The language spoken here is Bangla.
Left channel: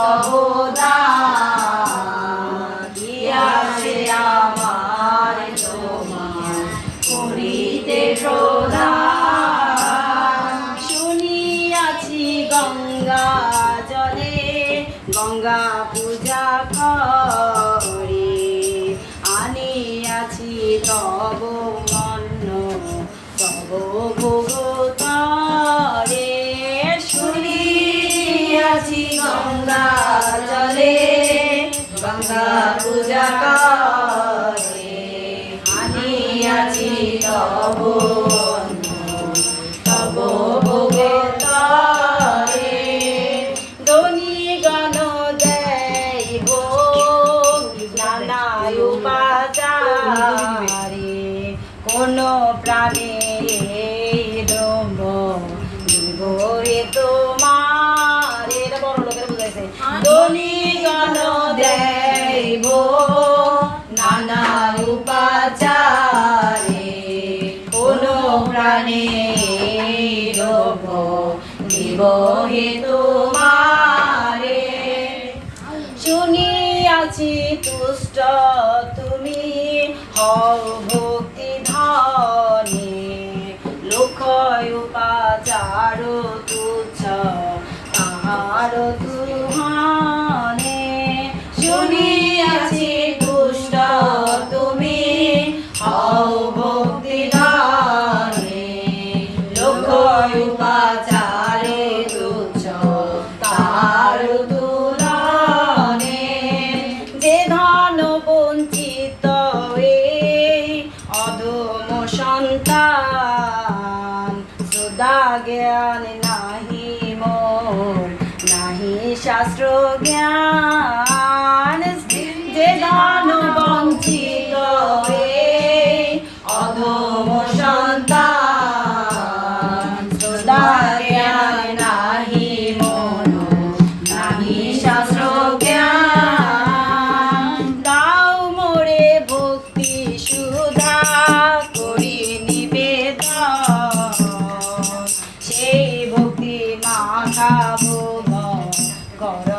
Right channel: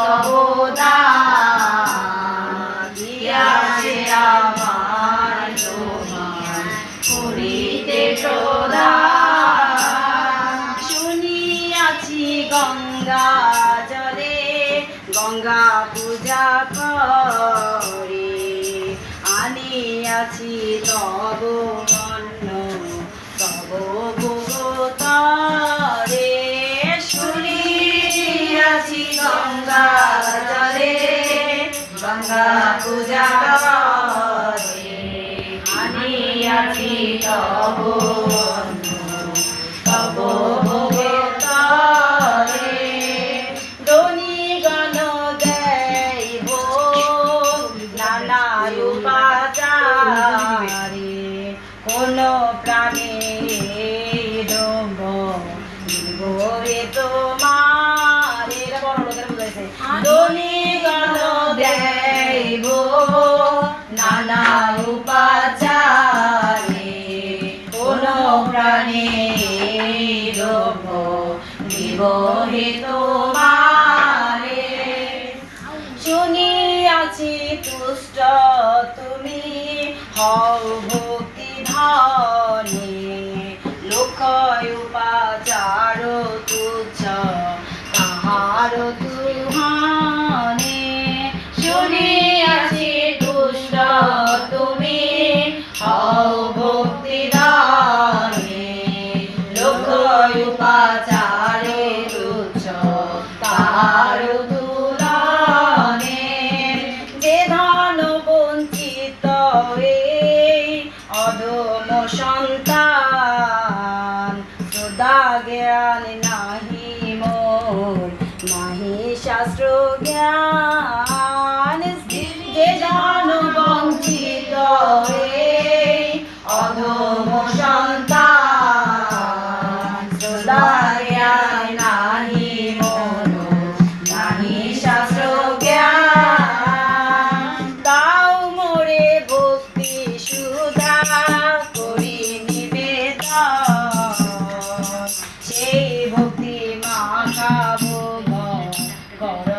তব দান দিয়াছে আমার তোমার করিতে প্রদান। শুনিয়াছি গঙ্গা জলে গঙ্গা পূজা করে, আনিয়াছি তব অন্ন তব ভোগতরে। শুনিয়াছি গঙ্গা জলে গঙ্গা পূজা করে, আনিয়াছি তব অন্ন তব ভোগতরে। দনিগণ দেব নানা উপাচারে, কোন প্রাণে ডম্ব দিব এ তোমার। এটা বড় লোকের বুঝাইছে। দনিগণ দেব নানা উপাচারে, কোন প্রাণে ডম্ব দিব হে তোমারে। শুনিয়াছি তুষ্ট তুমি হও ভক্তি ধনে, লোক উপাচার তুচ্ছ তাহার তুহানে। শুনিয়াছি তুষ্ট তুমি হও ভক্তি ধনে, লোক উপাচারে তুচ্ছ তাহার তুলনে। যে ধন বঞ্চিত এই অধম সন্তান, শ্রদ্ধা জ্ঞান নাহি মোর নাহি শাস্ত্র জ্ঞান। যে ধন বঞ্চিত এই অধম সন্তান, শ্রদ্ধা জ্ঞান নাহি মোর নাহি শাস্ত্র জ্ঞান। দাও মোরে ভক্তি সুধা করি নিবেদন, সেই ভক্তি মাখাবো কর